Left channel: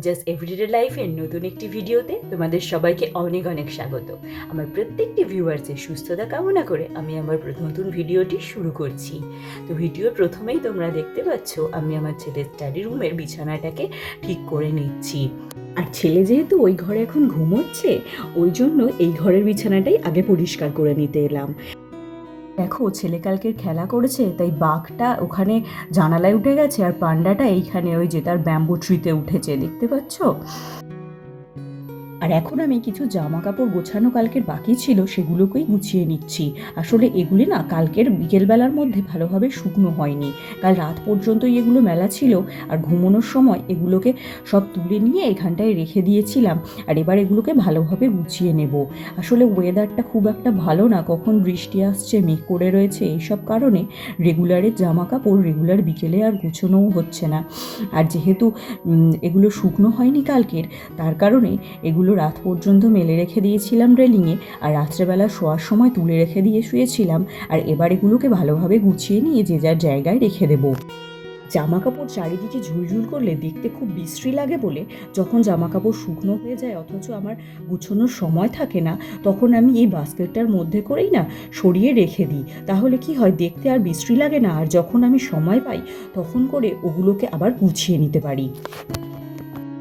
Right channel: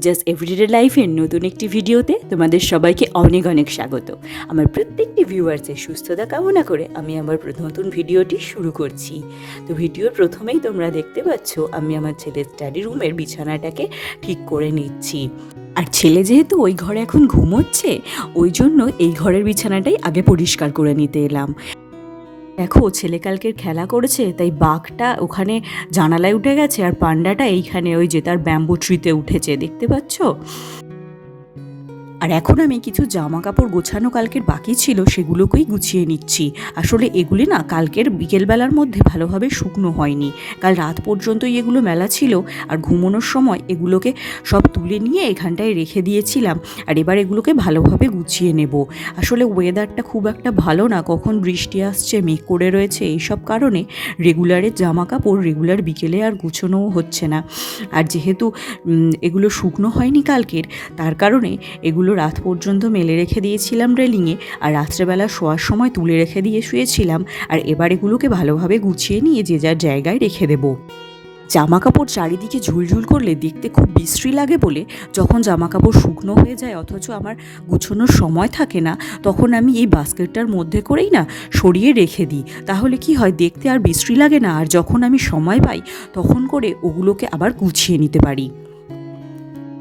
Puja's everyday লাইফের নতুন একটি ভিডিওতে তোমাদের সবাইকে অনেক অনেক স্বাগত। আমার প্রত্যেকটি ভিউয়ার্সের সুস্থতা কামনা করে আমি আমার নতুন ভিডিওটি শুরু করছি। তো ভিডিওর প্রথমেই তোমরা দেখতে পাচ্ছ, আমি আমার ছেলের স্টাডি রুমের বিছানাটাকে ঠিক করে নিচ্ছি। আর ছেলে যেহেতু ওই ঘরে এখন ঘুমোচ্ছে, ওই জন্য এই ঘরের বিছানাটাই আগে পরিষ্কার করে নিতে এলাম। দেখো ছেলেকালকের খেলা করেছে, তাই বাঘটা ওখানে জানালায় উঠে গেছে আর পান্ডাটা এইখানে ওই যে তার ব্যাম্বু ট্রিতে উঠেছে, দেখতে পাচ্ছ? আর এখন আমি কিছু জামা কাপড় গোছানো কালকের বাকি ছিল সেগুলোকেই গুছিয়ে নিচ্ছি। আসলে এগুলি না কালকের বিকেলবেলার মধ্যে ভালোভাবে শুকনো হয়নি। কাল রাত পর্যন্তই এগুলো মেলা ছিল আর ঘুমানোর সময় এগুলোকে সব তুলে নিয়ে এখানটায় রেখে দিয়েছিলাম আর এবার এগুলোকে ভালোভাবে গুছিয়ে নেব। আসলে ওয়েদারটা খুব একটা ভালো না, কখন বৃষ্টি আসছে, মেঘ করে রয়েছে, এইসব কারণে রেগুলারের জামা কাপড় রেগুলার বিকেলে আর গুছোনোও হচ্ছে না। আর যেহেতু এগুলো শুকনো হয়নি কালকের, তার কারণে এগুলো রাত পর্যন্ত মেলে রেখে দিয়েছিলাম রেলিংয়ে, আর রাত্রেবেলা শোয়ার সময় তুলে রেখে দিয়ে শুয়েছিলাম, আর এবার এগুলোকে ভালোভাবে গুছিয়ে নিয়ে যে যার জায়গায় রেখে দেবো। জামা কাপড় চারিদিকে ঝুলঝুল করলে দেখতে খুব বিশ্রী লাগে বলে যখন জামা কাপড় শুকনো হয়ে যায় অথচ আমার গুছোনোর সময় থাকে না, তখন আমি এই বাস্কেটটার মধ্যে করেই না সরিয়ে রেখে দিই। তাহলে কি হয়, দেখতে আর বিশ্রী লাগে না, আর যখন আমি সময় পাই তখন করে ওগুলোকে আবার গুছিয়ে নিতে পারি।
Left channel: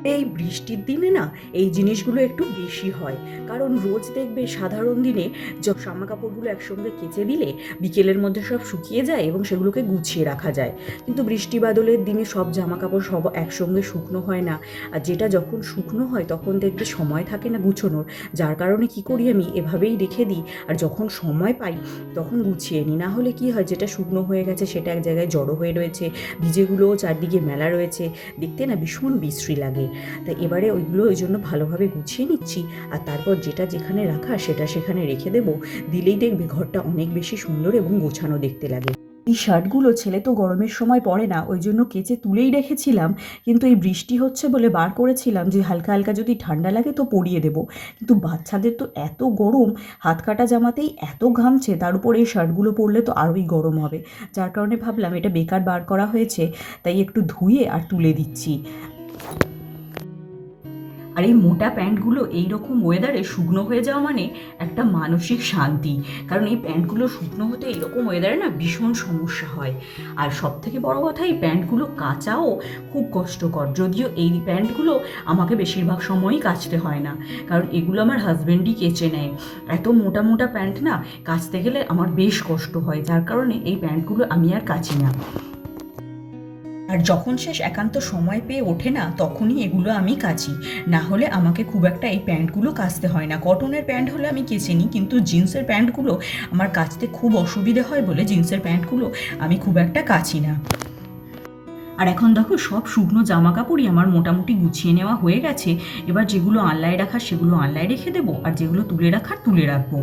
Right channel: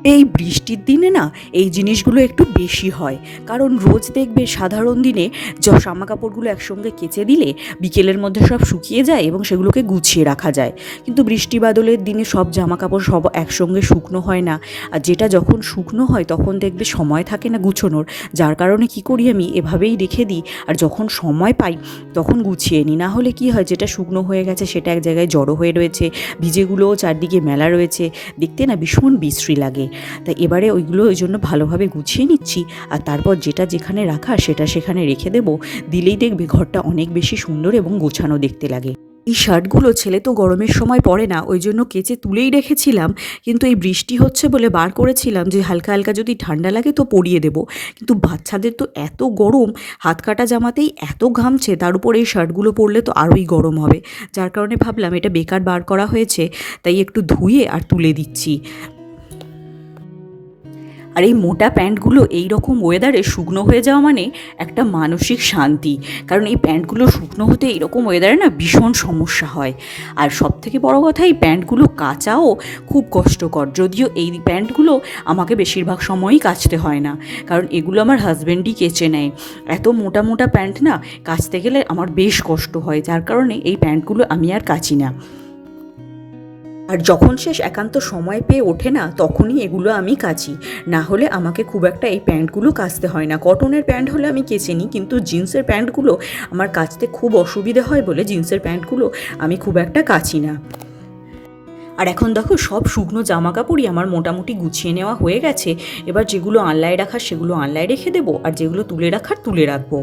এই বৃষ্টির দিনে না এই জিনিসগুলো একটু বেশি হয়। কারণ রোজ দেখবে সাধারণ দিনে জামা কাপড়গুলো একসঙ্গে কেচে দিলে বিকেলের মধ্যে সব শুকিয়ে যায় এবং সেগুলোকে গুছিয়ে রাখা যায়। কিন্তু বৃষ্টি বাদলের দিনে সব জামা কাপড় সব একসঙ্গে শুকনো হয় না। আর যেটা যখন শুকনো হয় তখন দেখবে সময় থাকে না গুছোনোর। যার কারণে কি করি আমি? এভাবেই রেখে দিই। আর যখন সময় পাই তখন গুছিয়ে নিই। না হলে কি হয়? যেটা শুকনো হয়ে গেছে সেটা এক জায়গায় জড়ো হয়ে রয়েছে। ভিজেগুলোও চারদিকে মেলা রয়েছে। দেখতে না ভীষণ বিশ্রী লাগে। তাই এবারে ওইগুলো ওই জন্য ভালোভাবে গুছিয়ে নিচ্ছি। আর তারপর যেটা যেখানে রাখা সেটা সেখানে রেখে দেবো। দিলেই দেখবে ঘরটা অনেক বেশি সুন্দর এবং গোছানো দেখতে লাগে। এই শার্টগুলো ছেলে তো গরমের সময় পরে না, ওই জন্য কেচে তুলেই রেখেছিলাম। কিন্তু এই বৃষ্টি হচ্ছে বলে বার করেছিলাম যে হালকা হালকা যদি ঠান্ডা লাগে তো পরিয়ে দেবো। কিন্তু বাচ্চাদের তো এত গরম, হাত কাটা জামাতেই এত ঘামছে, তার উপর এই শার্টগুলো পরলে তো আরোই গরম হবে। যার কারণে ভাবলাম এটা বেকার বার করা হয়েছে, তাই একটু ধুয়ে আর তুলে দিচ্ছি। আর এই মোটা প্যান্টগুলো এই রকম ওয়েদারে শুকনো হয়ে যাওয়া মানে একটা মানসিক শান্তি। কারণ এই প্যান্টগুলো শুকনো হতে এইরকম ওয়েদারে না ভীষণ সমস্যা হয়। আর সব থেকে বড় কথা, এই প্যান্টগুলো কাচাও খুব কষ্টকর। যদিও এই প্যান্টগুলো আমাকে বেশিরভাগ সময়ই কাচতে হয় না। কারণ এগুলো আমার হাজব্যান্ডই কেচে নেয়। এত মোটা মোটা প্যান্ট না কাচতে গেলে আমার বেশ কষ্ট হয়। যার কারণে এই প্যান্টগুলো আমি আর কাচি না। আর যখন শেষ একান্ত সময় পেয়ে ওঠে না, তখনই এগুলো আমি কাচি। না হলে আমাকে খুব একটা এই প্যান্টগুলো কাচতে হয় না। কটনের প্যান্ট হলে আমি কেচে নিই, কিন্তু জিন্সের প্যান্টগুলো আমার কাচতে খুব অসুবিধে হয় বলে জিন্সের প্যান্টগুলো আমি খুব একটা কাচি না। আর এখন দেখো, সব শুকনো জামা কাপড়ই আমার মোটামুটি গুছিয়ে নেওয়া হয়ে গেছে। এবার যেগুলো আনলায় রাখার, সেগুলো আনলায় রেখে দেবো, আর যেগুলো তুলে রাখার, তুলে রাখব।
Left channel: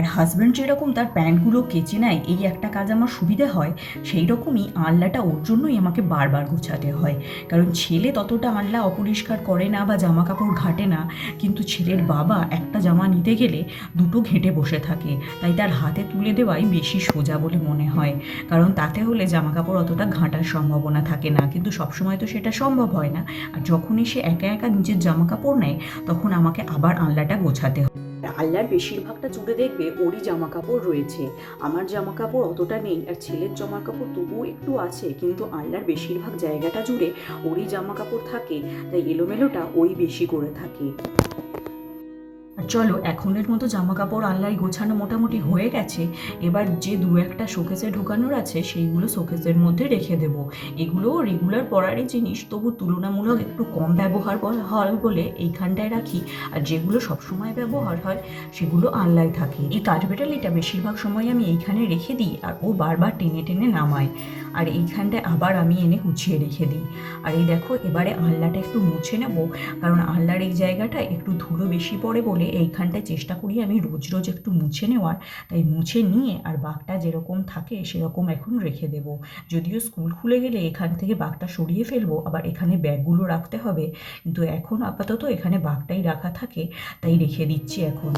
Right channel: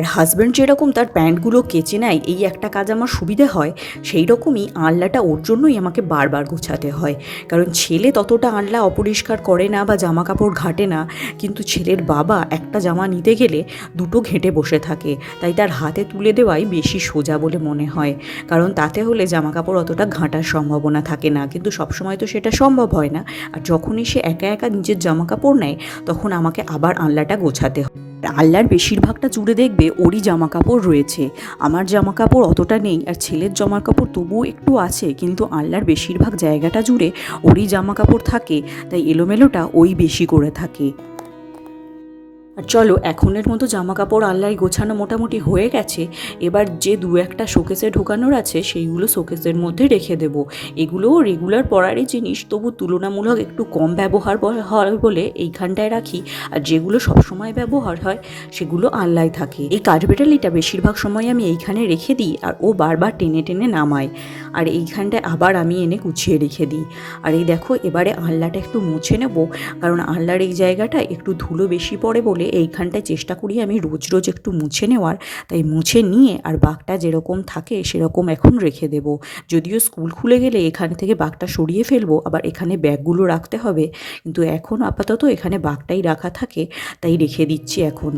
আর হাজব্যান্ড যেরকম তার প্যান্টগুলো কেচে নেয়, এই একটা কাজ আমার সুবিধে হয় সেই রকমই আনলাটা ওর জন্যই আমাকে বারবার গোছাতে হয়। কারণ ছেলে ততটা আনলা অপরিষ্কার করে না বা জামা কাপড় ঘাটে না, কিন্তু ছেলের বাবা একটা জামা নিতে গেলে দুটো ঘেঁটে বসে থাকে, তাই তার হাতে তুলে দেওয়াই বেশি সোজা বলে মনে হয়। কারণ তাতে হলে জামা কাপড় অতটা ঘাঁটার সম্ভাবনা থাকে না, কিন্তু সবসময় তো সেটা সম্ভব হয় না। আর যখনই সে একা একা নিজের জামা কাপড় নেয়, তখন আমাকে আবার আনলাটা গোছাতে হয়। আল্লাহর বেশিরভাগটা জুড়ে দেখবে ওরই জামা কাপড় রয়েছে। আমার জামা কাপড় অতটা নেই আর ছেলের জামা কাপড় তবুও একটু আছে, কিন্তু আল্লার বেশিরভাগ জায়গাটা জুড়ে ওরই জামা কাপড় থাকে, তাই এলোমেলোটা ওই বেশি করে থাকে। চলো, এখনের মতো জামা কাপড় আল্লাহর গোছানো মোটামুটি হয়ে গেছে। এবার যে দু একটা শোকেসে ঢোকানোর আছে, সেইগুলো শোকেসের মধ্যে রেখে দেব। এগুলোও রেগুলার পরারই জিনিস, তবু তুলনামূলক একটু কম ব্যবহার হয় বলে এইখানটায় রাখি। আর যেগুলো সবসময় ব্যবহার হয়, সেগুলো আল্লায় থাকে। এই কাঠবেটালিটা বেশিরভাগ সময় আমি এইখানে রেখে দিই, আর ও বারবার টেনে টেনে নামায়। আর এইখানটায় আবার আমি এনে গুছিয়ে রেখে দিই। আর এই দেখো, এবারে আল্লাটা একটু মুছে নেব, কারণ আল্লাহর এই জায়গাটা একটু ধুলো বেশি পড়ে বলে এইখানটায় চেষ্টা করি আমি রোজ রোজ একটু মুছে নেওয়ার। তাই মুছে নিয়ে আর বাঘটা যেরকম থাকে সেরকম এখন রেখে দেব। যদিও স্কুল খুলে গেলে এখান থেকে বাঘটা সরিয়ে ফেলব, আবার এখানে ব্যাগগুলো রাখতে হবে। কিন্তু এখন আপাতত এখানে বাঘটাই রাখা থাকে, তাই রেখে দিচ্ছি এখন।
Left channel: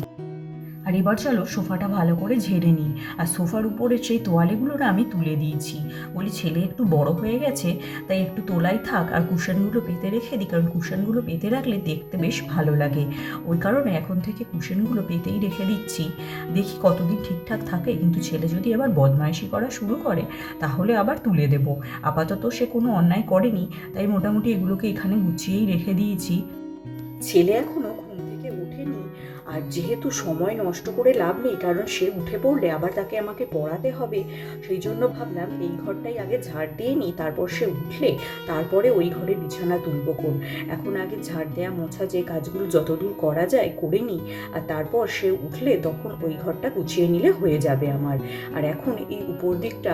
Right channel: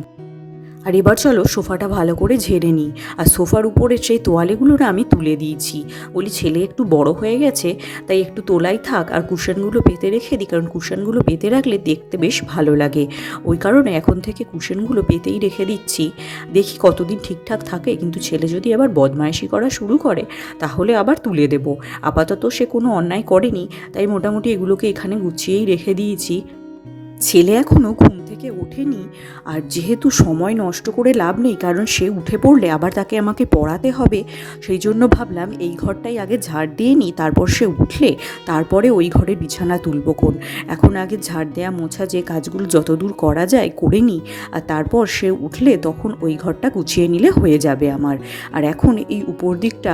আর এবার চলো সোফাটা ভালো করে ঝেড়ে নিই। আর সোফার উপরে সেই তোয়ালেগুলো না আমি তুলে দিয়েছি। বলি ছেলে একটু বড় হয়ে গেছে, তাই একটু তোলাই থাক আর কুশনগুলো পেতে রেখে দিই, কারণ কুশনগুলো পেতে রাখলে দেখতে বেশ ভালো লাগে। ওই কারণে এখন থেকে কুশনগুলো পেতেই রেখে দিচ্ছি। দেখি কতদিন ঠিকঠাক থাকে, কিন্তু ছেলে যদি আবার বদমাইশি করা শুরু করে, তাহলে আবার তুলে দেব। আপাতত সে কোনো অন্যায় করেনি, তাই মোটামুটি এগুলোকে এখানে গুছিয়েই রেখে দিয়েছি। ছেলে এখনও ঘুম ওঠেনি। আর যেহেতু সময় নষ্ট করে লাভ নেই, কারণ সে উঠে পড়লে আবার তাকে আমাকে পড়াতে হবে, সেই জন্য ভাবলাম এই ঘরটাই আগে ঝাড় দিয়ে নিই, তারপর সে উঠলে তারপরে ওই ঘরে বিছানা তুলব কোন। এখন আগে ঝাড় দেয়া মোছা যে কাজগুলো যতদূর করা যায় করে নিই, আর তারপর সে উঠলে তখন ওই ঘরটা গুছিয়ে নিলে হয়ে যাবে আমার। আর এখন এই উপর দিকটা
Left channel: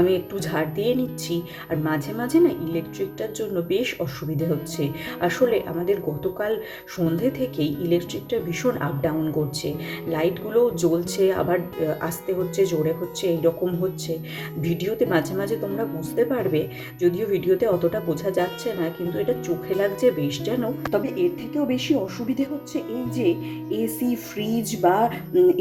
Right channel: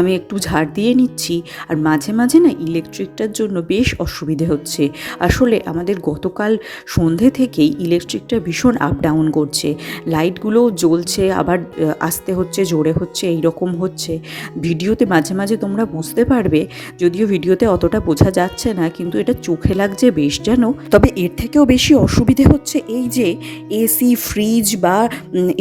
আমি একটু ঝাড় দিয়ে নিচ্ছি, আর মাঝে মাঝে না ইলেকট্রিকটার জন্য বেশ অসুবিধে হচ্ছে। আসলে আমাদের গতকাল সন্ধে থেকেই ইলেকট্রিকটা ভীষণ আপ ডাউন করছে। লাইটগুলোও জ্বলছে, আবার আসতে হচ্ছে, জোরে হচ্ছে এই রকম হচ্ছে। ভিডিওতে মাঝে মাঝে তোমরা বুঝতে পারবে, যদিও ভিডিওতে অতটা বোঝা যাচ্ছে না, কিন্তু এটা চোখে লাগছে বেশ যেন। তবে এর থেকেও বেশি অসুবিধে হচ্ছে এই যে এসি ফ্রিজ বা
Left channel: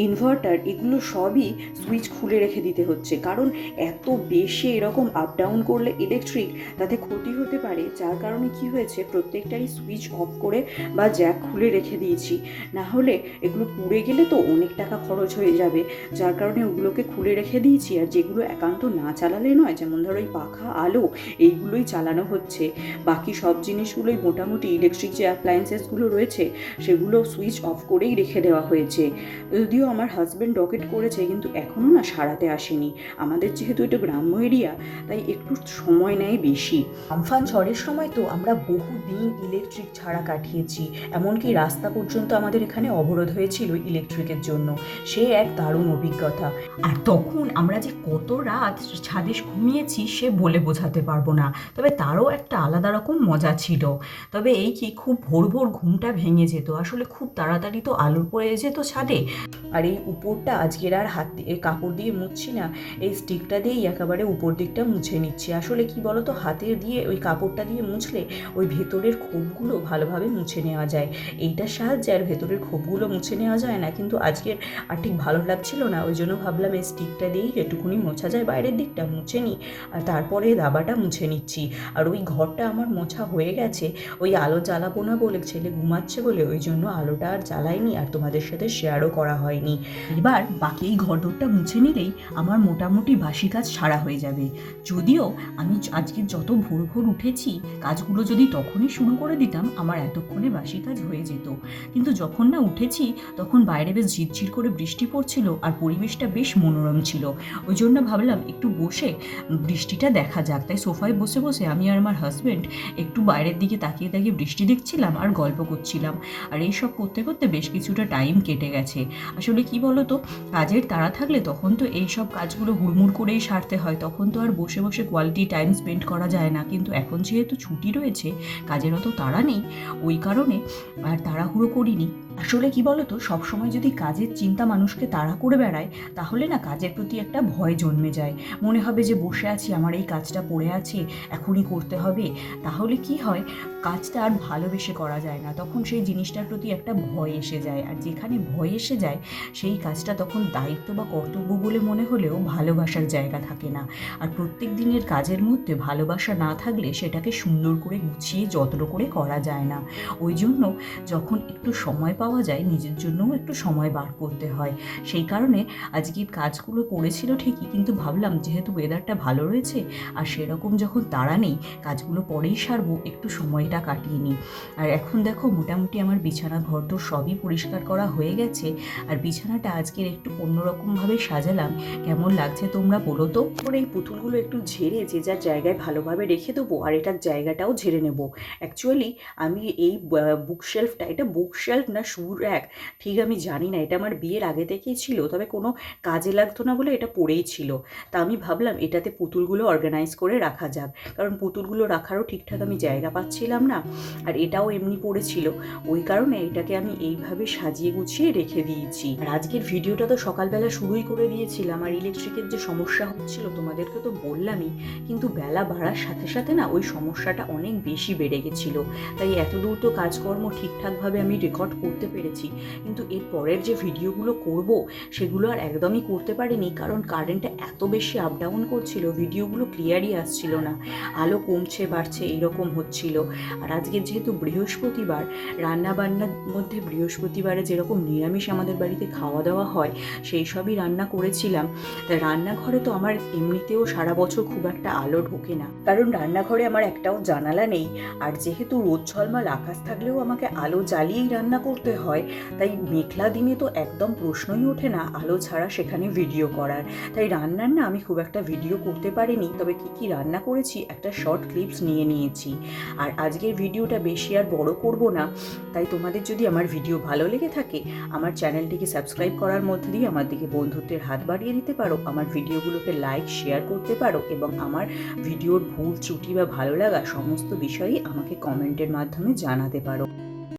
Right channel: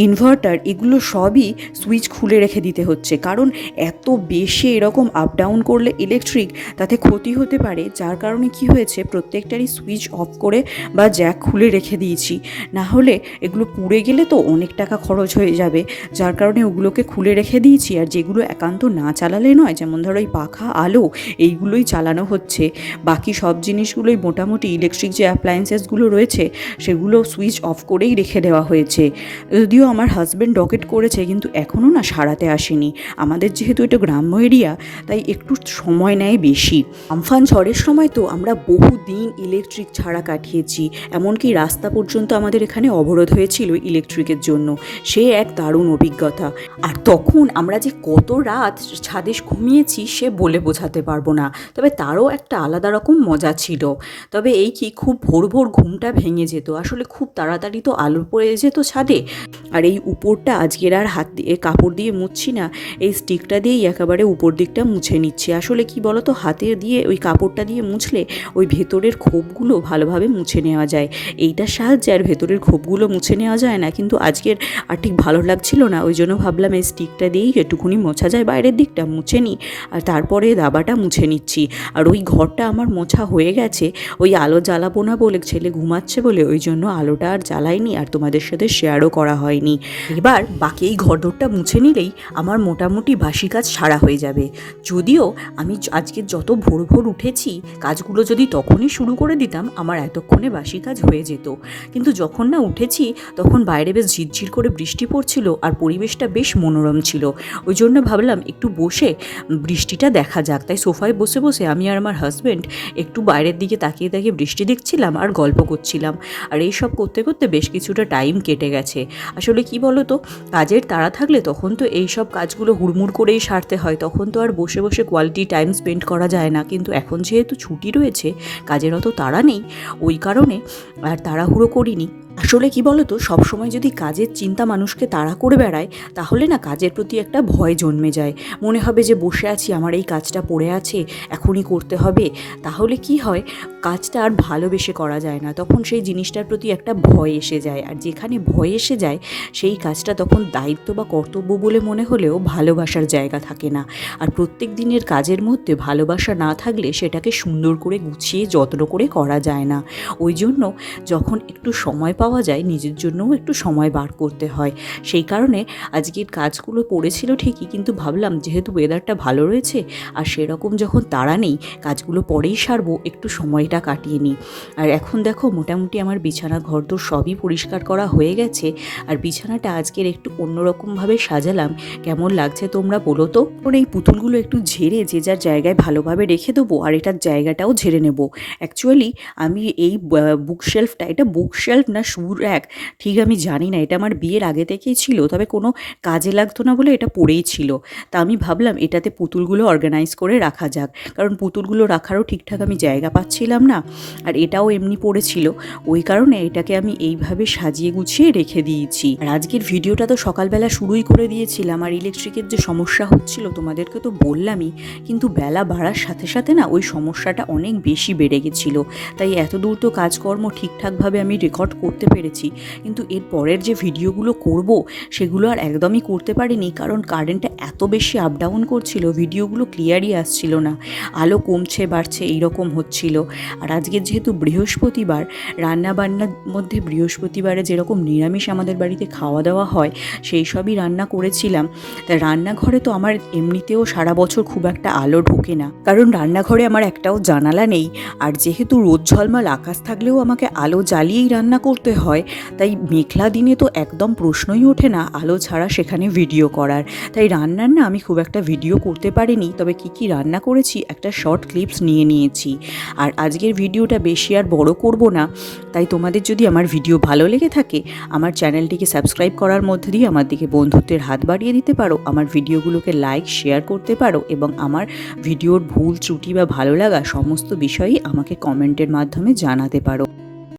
ইনভার্টার এগুলো সবই সুইচ খুলে রেখে দিতে হচ্ছে। কারণ এত বেশি এরকম আপ ডাউন করলে ইলেকট্রিক তাতে ক্ষতি হতে পারে। যার কারণে কি হয়েছে, প্রত্যেকটারই সুইচ অফ করে বা জ্যাক খুলে রেখে দিয়েছি। না হলে এগুলো পুড়ে গেলে তো অনেক টাকা খরচ হয়ে যাবে। যার কারণে ওগুলোকে খুলে রেখে দিয়েছি। আর যেগুলো একান্ত না চালালে নয়, যেমন ধরো এই পাখা, আলো, এইগুলোই চালানো হচ্ছে। বাকি সব জিনিসগুলোই মোটামুটি ইলেকট্রিক যে অ্যাপ্লায়েন্সেসগুলো রয়েছে, সেগুলো সুইচ অফ করেই রেখে দেওয়া হয়েছে। যদিও আমার হাজব্যান্ড ডকেট করেছে, কিন্তু এখনও না সারাতে আসেনি। আমাদের যেহেতু এটা গ্রাম্য এরিয়া তাই একটু সময় নেয় বেশি। আমফান ঝড়ের সময় তো আমরা বহু দিন ইলেকট্রিক ছাড়া কাটিয়েছি। এমনকি রাস্তা পর্যন্ত আমাদের এখানে অবরোধ হয়েছিল ইলেকট্রিকের জন্য। সে এক দারুণ অভিজ্ঞতা। আর তখন আমরা যে কত রাত ছাদে ঘুমিয়েছি সে বলে বোঝাতে পারব না। তবে তারও একটা আলাদা রকম মজা ছিল। তবে এই কি খুব ভোর ভোর ঘুমটা ভেঙে যেত? আসলে খুব তাড়াতাড়ি তো আলু পড়ে যেত ছাদে। আর এই উপরটা আজকের আর হাত দিয়ে কাপড় দিয়ে মুছছি না। এই স্টিকটা দিয়েই একেবারে উপর দিকটা মুছে নিচ্ছি। আসলে কি বলতো, হাতে দিয়ে ওই কাপড়টা দিয়ে মুছলে ওই ভেতরের খোপগুলো ভালোভাবে মুছে নেওয়া যায়। এইটার সাহায্যে আর ভেতরের খোপগুলো মুছে নেওয়া যায় না, কিন্তু আজকের আর ঠিক ভালো লাগছিল না। ওই জন্য ভাবলাম এই স্টিকটা দিয়েই একটুখানি মোছা যায়, বাইরের দিকটা মুছে নিই। আর তারপরে দাবাটা মুছে নিচ্ছি। আর ওই ঘরটা আমার মোছা হয়ে গেছে, ওই আলো জ্বালাবো না বলে, ছেলে ঘুমাচ্ছে বলে, ওই জন্য আলোটা আর জ্বালাইনি আর তোমাদের সাথে শেয়ারও করা হয়নি। এবার বাকি এই ঘরদোরটা মুছে নিলেই আমার মোটামুটি বাসি কাজ সারা হয়ে যাবে। যদিও আমি আজকে যত ভোর ভোর উঠেছি, কাজগুলো যদি তখনই শুরু করে দিতাম, আমার এতক্ষণে বাসি কাজ হয়ে যেত। কিন্তু যখন না উঠেছি, তখন বাইরে বেশ ঝিরঝির করে বৃষ্টি পড়ছিল আর পরিবেশটা বেশ মনোরম ছিল। ওই জন্য ভাবলাম একটু বসে বৃষ্টিটা দেখা যাক। তাই সোফায় বসে বসে আমি আর আমার হাজব্যান্ড একটু বাইরের দিকে তাকিয়ে তাকিয়ে বৃষ্টি দেখছিলাম আর গল্প করছিলাম। আর এই সব করতে করতে বেশ কিছুটা টাইম কেটে গেছে। আসলে কি বলো তো কাজের তাড়া থাকলে তখন তো এই সব কাজগুলো হুড়মুড় করেই সারতে হয়। তখন তো আর বসে বসে কোয়ালিটি টাইম স্পেন্ড করা যায় না। কিন্তু এখন যেহেতু ছুটি রয়েছে, কাজের অত তাড়া নেই। ওই কারণে আর তাড়াহুড়ো করিনি আসলে কি বলো বলতো, সবসময় যদি কাজের চিন্তা মানুষকে তাড়া করে বেড়ায়, তাহলে না কাজের প্রতি একটা ভয় জন্মে যায়। মনে হবে যে, বসে আছি, আমার এই কাজটা পড়ে আছে, এখনই করতে হবে। তাহলে কি হয়? কাজটা আর ভালোবেসে করা যায় না। তখন সেই জিনিসটার প্রতি একটা ভয় এসে যায়। আর যেখানে ভয় এসে যায়, সেই কাজটা তখন দায়িত্ব বা কর্তব্য বলে মনে হলেও ভালোবাসার জায়গা থাকে না। আর প্রত্যেক দিনের কাজের মধ্যে ভালোবাসা না থাকলে সেটাকে সুন্দর করে গুছিয়ে, যত্ন করে করা যায় না। ওই জন্য যখন একটু সময় পাওয়া যায়, নিজের জন্যও একটু সময় বার করতে হয়। সেই কারণে আজকের কাজগুলো পড়েছিল ঠিকই, কিন্তু ভাবলাম যেহেতু ওয়েদারটা ভালো রয়েছে, আর সেরকম যখন তাড়া নেই, কাজগুলো পরেই সারবো, একটু সময়টা কাটিয়ে নিই। আর এখন দেখো মোটামুটি আমার বিছানা ঘর তো সবই পরিষ্কার করা হয়ে গেছে। আর বিছানাটা আজকের একটু অন্যরকমভাবে সাজালাম। কেমন লাগছে তোমরা বলো তো? এখন এই পুতুলগুলো একটু ঝেড়ে যে যার জায়গায় ভালোভাবে রেখে দেবো আর এটার জায়গাটাও ঝেড়ে নেব। অ্যাকচুয়ালি আমি এই বুক শেলফটা এটা বুক শেলফ না শু র্যাক ঠিক আমি জানি না। এটা আমার বিয়ের আগে থেকেই ছিল, তবে কোনো কাজে লাগতো না বলে এটা পড়েই ছিল। তা আমি ভাবলাম এটাতে পুতুলগুলো অর্গানাইজ করে রাখা যাক। কারণ পুতুলগুলো রাখারও ঠিকঠাক আমি জায়গা পাচ্ছিলাম না, আর এটাও এমনি পড়েছিল। ওই কারণে এটাকে আমি এইভাবে সাজিয়ে গুছিয়ে রেখে দিয়েছি। আর আজকের ভিডিওটা তো সকালবেলা শুরুই করে দিয়েছিলাম। আর ইলেকট্রিকের যে সমস্যা হচ্ছিল, তোমাদেরকে তো বললামই, কিন্তু বেলা বাড়ার সাথে সাথে না ওই সমস্যাটা অনেক বেশি বেড়ে গেছিল। তাই এত দূর তো কাজকর্ম ঠিকঠাকভাবে আমি রেকর্ড করতে পেরেছি। কিন্তু এর পরের যে ভিডিওগুলো করব, সেগুলো আর একদমই করতে পারিনি, কারণ কারেন্টটা এত বেশি আপ ডাউন করছিল ভিডিওগুলো ক্লিয়ারই আসছিল না। আলো কমছে, বাড়ছে, এইরকম হচ্ছিল। আর আজকে যেহেতু বৃহস্পতিবার রান্না বান্নার মধ্যে বৃহস্পতিবারে যেরকম নিরামিষ আমাদের বাড়িতে খাওয়া দাওয়া হয়, সেই সবই রান্না করেছিলাম। তা রান্নাঘরে তো আমার এমনিতেও সারা বছর খুব একটা আলো ঢোকে না। কারণ রান্নাঘরে আমার একটাও জানালা নেই। আর যেহেতু রোদ ঝলমল, আকাশ থাকলেও আমাকে আলো জ্বালিয়েই রান্না করতে হয়, তাই মেঘলা দিনে তো একদম প্রশ্নই ওঠে না আলো ছাড়া সেখানে ভিডিও করার। তাই রান্নার না আমি খুব একটা ভিডিও করতে পারিনি, তবে কি কি রান্না করেছি একটা শর্ট ক্লিপস নিয়ে নিয়েছি। আর আজকের ভিডিওটা বেশি আর বড় করব না। তাই তোমাদের যদি আমার ভিডিও ভালো লেগে থাকে, আমার চ্যানেলটিকে সাবস্ক্রাইব করার মধ্যে দিয়ে আমার দিকে বন্ধুত্বের হাত বাড়িয়ে দিতে পারো, আমার ভিডিওগুলোকে লাইক, শেয়ার করতে পারো এবং আমার ভিডিওর ভুল, ত্রুটি বা ভালো লাগা সমস্ত বিষয়ই আমাকে কমেন্টের মাধ্যমে জানাতে পারো।